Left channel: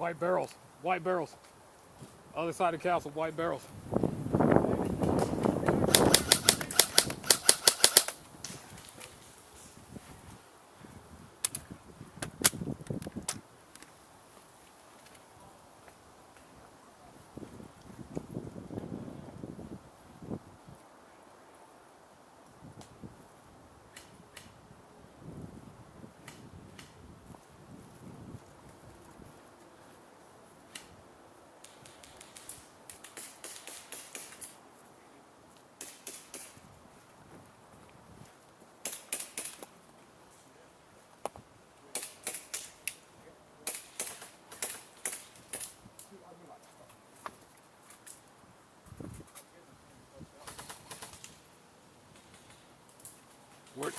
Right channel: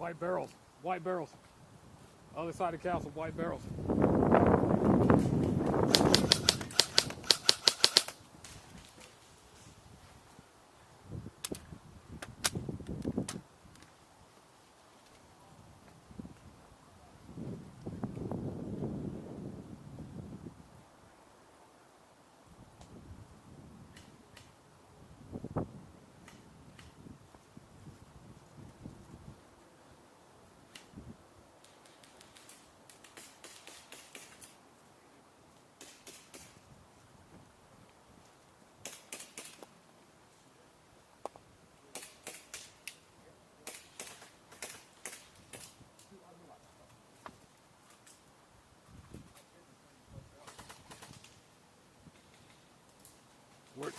White barrels. White barrels. Other side of the castle, white barrels. Where?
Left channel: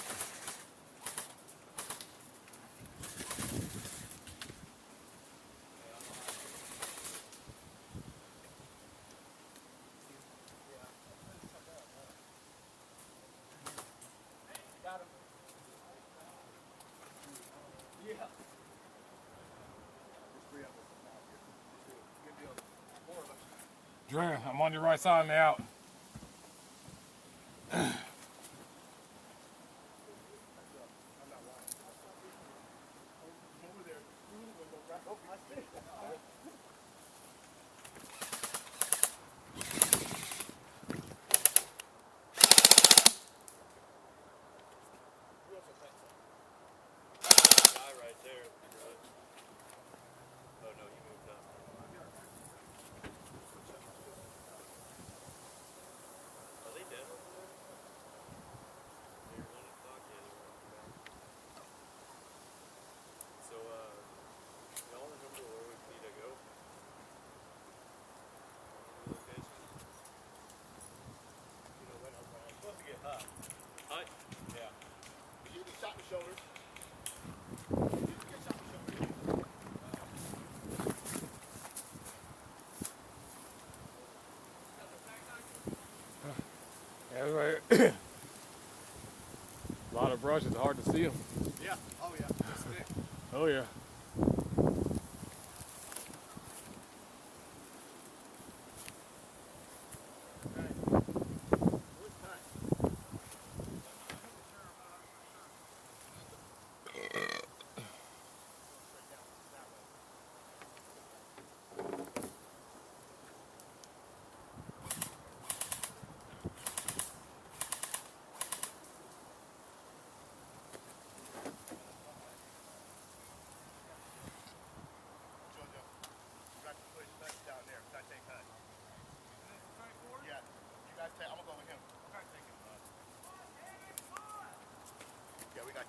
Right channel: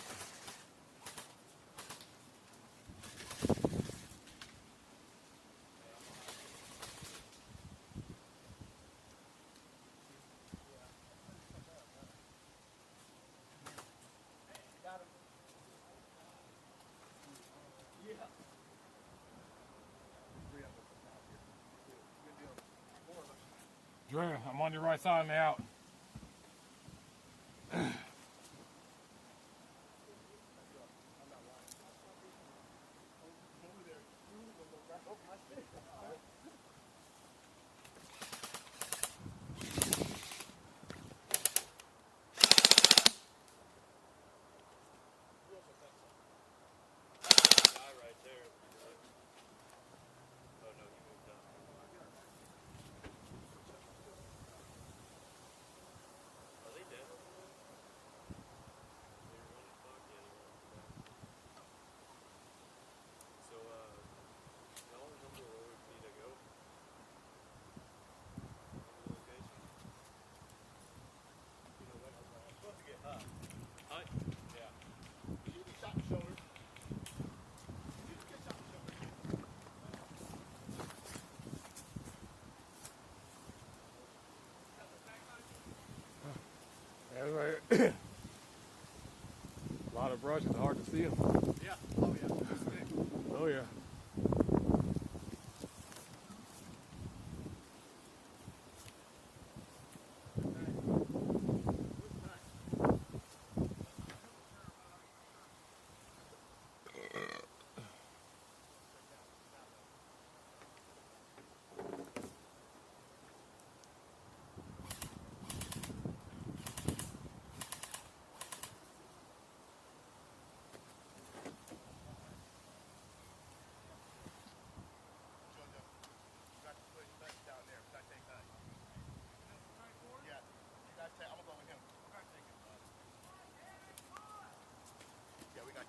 Dre, I'm on your right side on the out. A lot of brush, it's hard to see them. Yeah, oh yeah, it's thick. Oh yeah.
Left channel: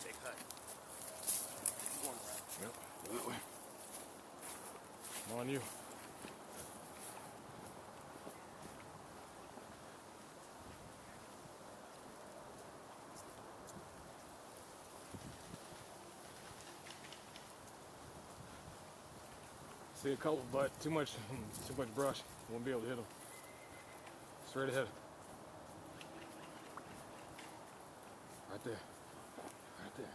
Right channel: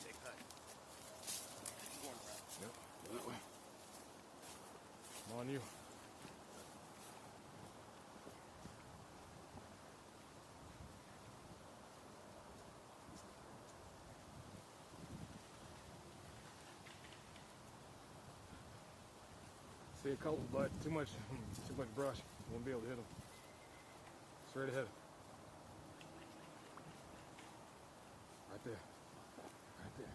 Take hut. Yep, that way. I'm on you. See a couple, but too much brush. Won't be able to hit them. Straight ahead. Right there. Right there.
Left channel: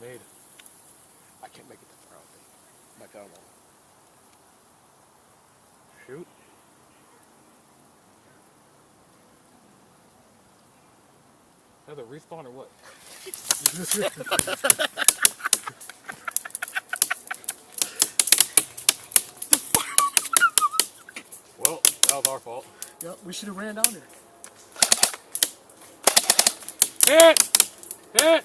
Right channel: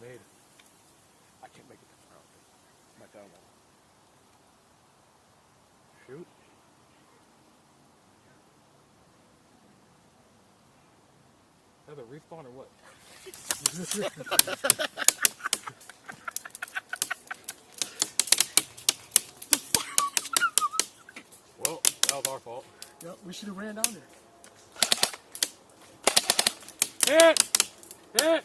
Made it. I can't make it to front. My gun won't. Shoot. Another respawn or what? That was our fault. Yep, we should have ran down there. Hit! Hit!